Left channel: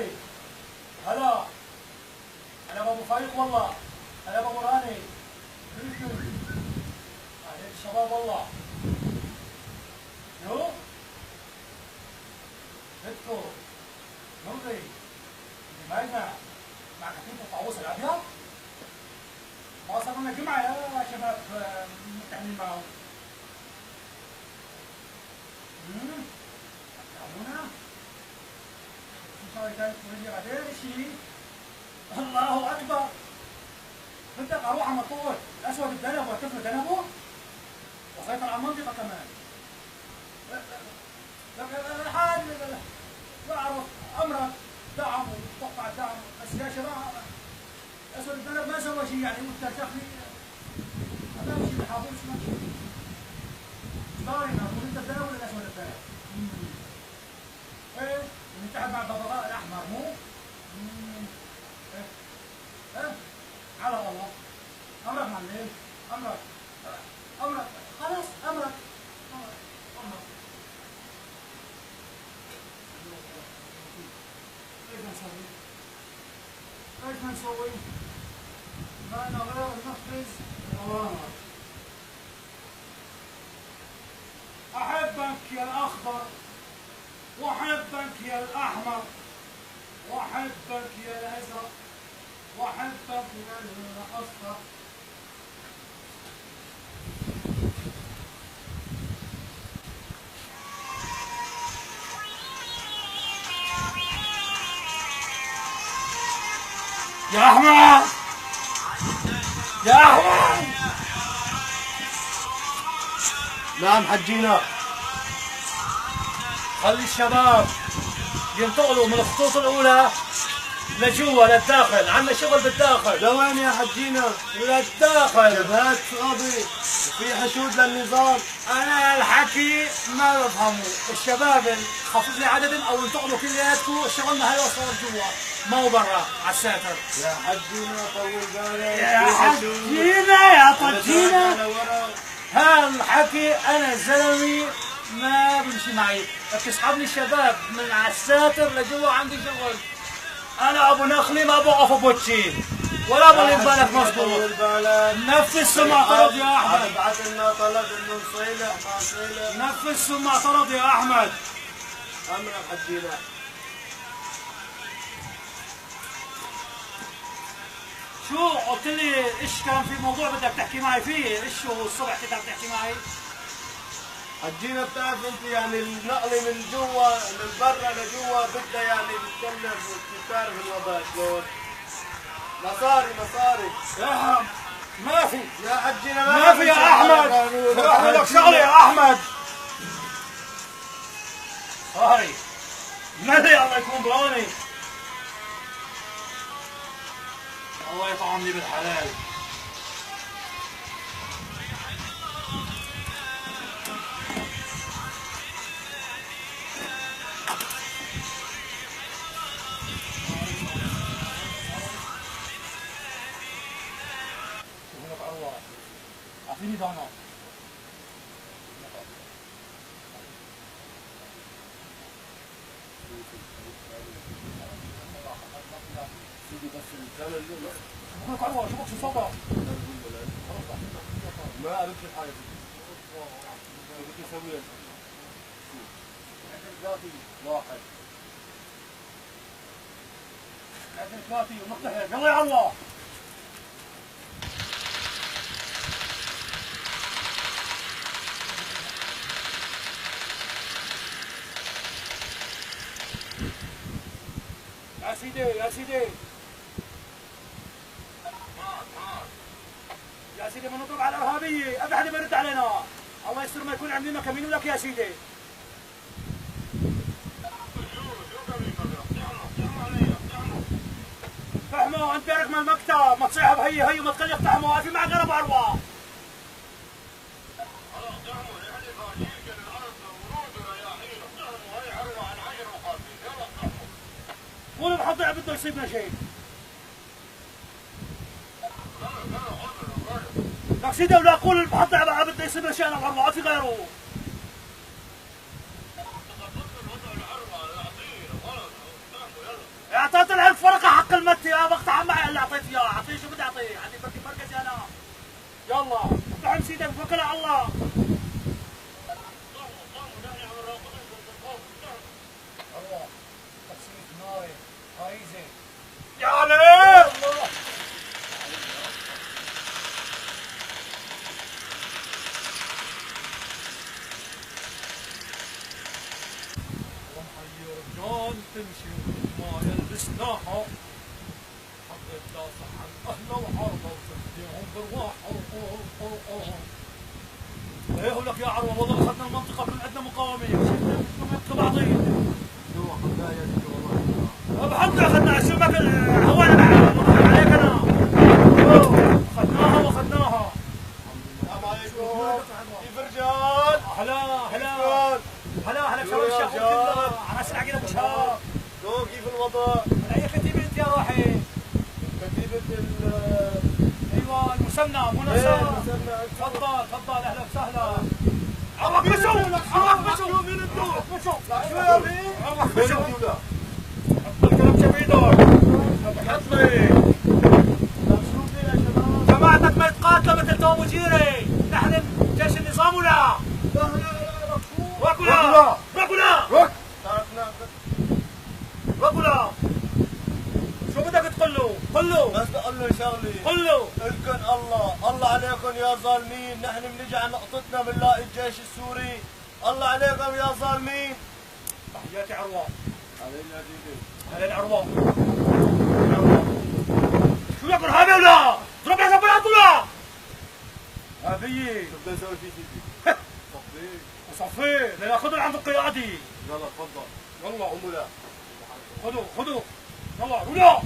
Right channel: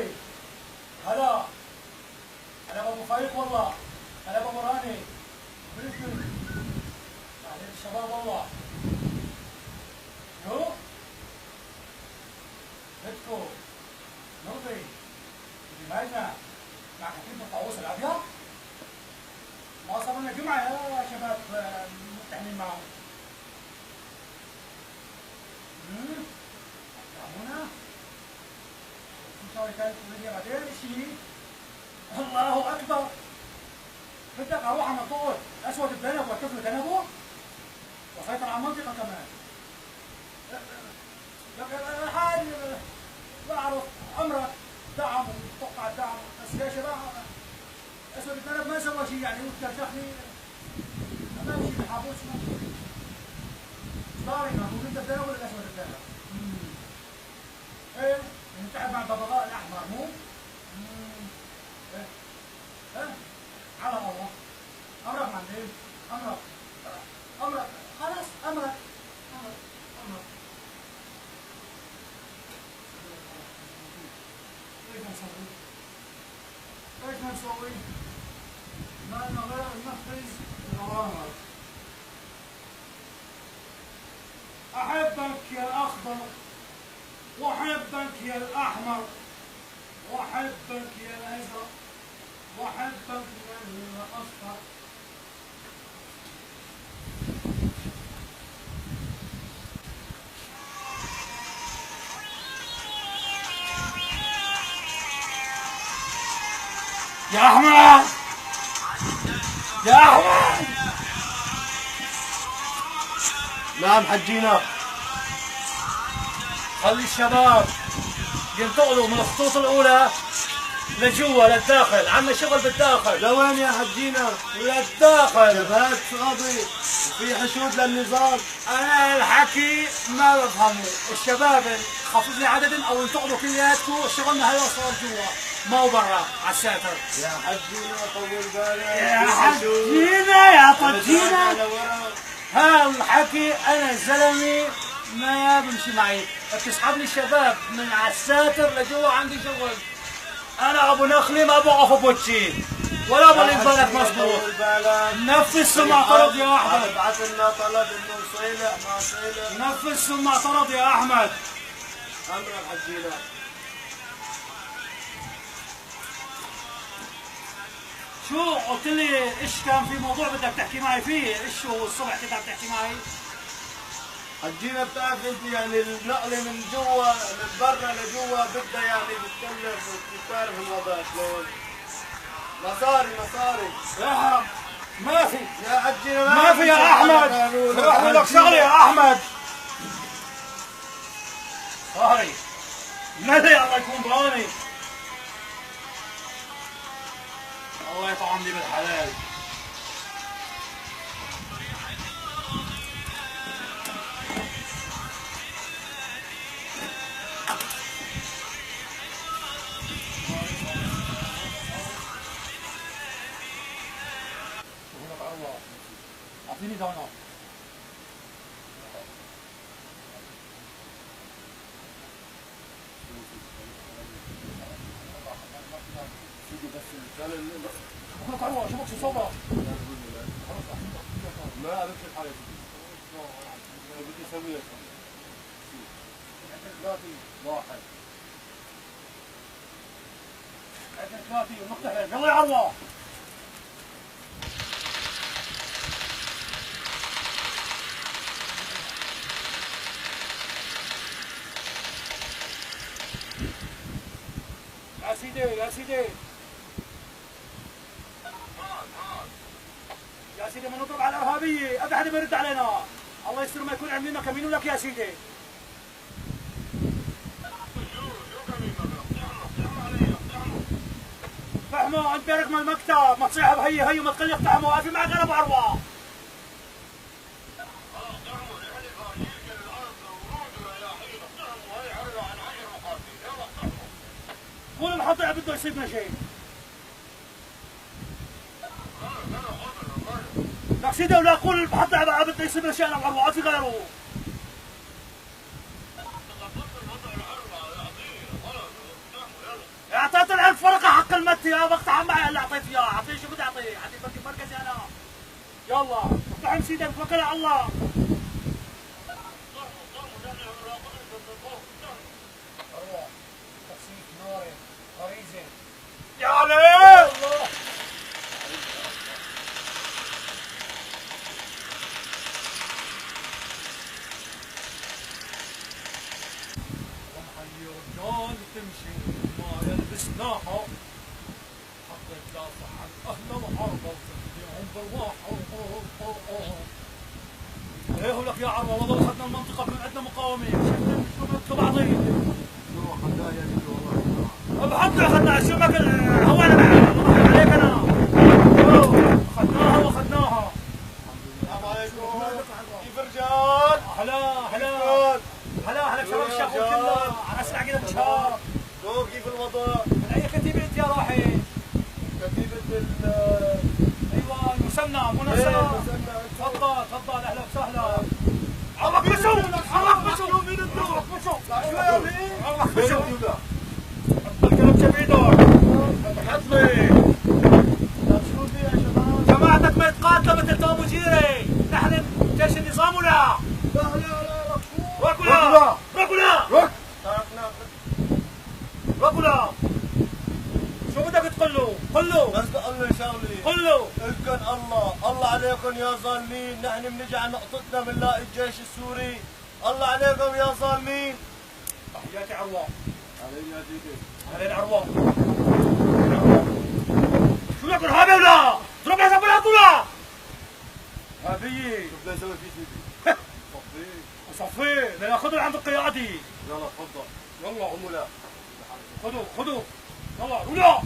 نغري. هلا هلا بابو فايق والله. هلا بابو راني. كيفكم؟ اهلين الشباب والله. شو؟ بدكم نلغي دماغنا مع كتيب الطاووس الابيض؟ ما صار لنا جمعه يا شباب متحمين معهم. أكرمونا؟ نسوي ثالث ولدي بعدين شيء. الله أكبر. بدك أروح على مطول الأسود بذنب والطفل ذنبه؟ وسيطر على المنطقة كمان. حال بعرف أمرك دعم وتوقع الدعم، بس يا شباب الأسود بذنب ما سوى شيء يعني وترشخني ما بمشي بالحابوس ماشي. داري نقول أنت بذنب ولا الأسود بذنب؟ ايه نتحد مع الببغاء الاحمر مو؟ ايه على الله. امرك معلم. امرك خلاص امرك. ايش نسوي؟ ما لنا غير ننفذ الاوامر. احبك يا الاخضر واحبك يا الاحمر واحبك يا الازرق واحبك يا الاصفر. يا احمد يا احمد. نعم حجينا. خلي الشباب ينتقلوا من الخطوط الاولى لجوا للداخل. عندنا شغل بالداخل. لوين يا حجينا؟ للداخل. جبهات فاضي وفي حشود للنظام. انا الحكي ما بفهمه. الشباب خفف لي عدد او انتقلوا كلياتكم. شغلنا هلا صار جوا ما هو برا على الساتر. يا حجينا طول بالك. يا حجينا يا طجينا. هالحكي انا زلمي ما بمشي معي. بتسحبني الشباب من على الساتر لجوا. عندي شغل. انا ابو نخلي ما بوقف بوجهي ولا ابو اللي بالك مظبوط. نفذ ثم اعترض يا احمد. ابعث لنا طلب انه نصيلح ما نصيلح. نفذ ثم اعترض يا احمد. امرك حجينا. شو قلت لي ايش كان في موضوع بدك تحكي معي فيه؟ ايش هو الصبح كنت عم تحكي معي؟ حجينا بتعرف انت يعني النقله من جوا من برا لجوا بدها يعني تتكلف وتعرف الوضع شلون. مصاري احرم. ما في يا حجينا ما في يا احمد. اعمل لك شغله يا احمد. صاري ملي الله يكون بعوني. الله يطعمني بالحلال. هناك عروة. اعطيني دونات. سيدي بس الكلام اللي بقول لك عروة شوفك شو صوبه. ما عرفت الحاجة بدي اسويها. عندك ثلاثي واحد. عندك ثلاثي ومقتحم. يلا يا عروة. يا سيدي يا سيدي يا سيدي ما نضرب على الارهابيه. ابي حدا ما يرد علينا. الله يستر ما يكون عاملين كمين لك يا سيدي. اقتحموا انت رقم المكتب. ما تصيح هي وما تخلي اقتحموا. ما في معك غير ابو عروه. قولوا محضع بده يصيبنا شيء. لك سيدي ولا قول المحضع بده يصيبنا شيء. انا وعروه ما في غيره. يا اعطيت العيال فرقه حق المتي، يا بقطع معي اللي اعطيت اياه، اعطيه شو بدي اعطيه؟ عندي مركزي انا. يلا افتح مسيدك توكل على الله. اروح تخسيف ناري غريزه يا علي. الله محيي رجال تمشي ما يلبس ناحه، حطيت دافع عن اهله وعرضه وتفديهم برواحه. ايه لك يا عروه والله اخذنا المنطقه من عندنا مقاومين، شفنا شو ماكل بعضين. شو اخذناه يا بيجي والله. بحط اخذنا شو ماكل هوانا معك عليك انا. اخذناها واخذناها. السلام عليكم. كيف رجال؟ هلا هلا شباب الشغل كله على اسرع عقيل ابو شهاب. كيف الوضع؟ من اي كتيبه انت يا روحي؟ كتيبة ايوه المثنى مو ايه نفسها. المثنى. تفضل اهلا وسهلا. عمك بشو مين انتو؟ عمك بشو شو يا بي؟ عمك بشو لا حط الكلبشه بايدك. حط لي شو في يا شباب؟ جماعتك ما يتقاتلوا مثل توم وجيري، نحن جيش النظام ولا؟ لا ركولا تركنا ركولا. شو بدك تقول له؟ قل له بس بقول له شغلي. قل له الكن الله عليكم يا ظالمين، نحن بنجي على نقطتنا بنلاقي الجيش السوري. الله عليكم يا ظالمين. تحياتي عروه. علينا يا ديدي. علينا عروه. شو لك ارهابي ولا؟ ضرب حساب الارض ولا؟ ارهابيه. شو بدنا نسوي فيه سيدي؟ صفيه. صفيه لناخذه عند القيادي. يلا تفضل. يلا قوموا لا. خذوا يلا رولا.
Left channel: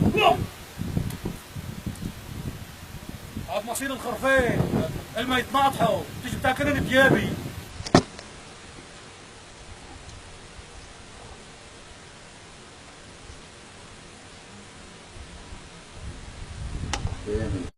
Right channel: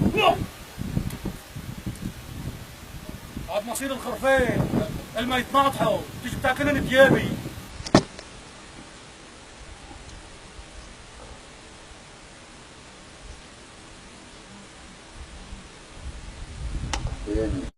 هذا مصير الخرفين لما يتناطحوا تيجي بتاكلن ثيابي. يعني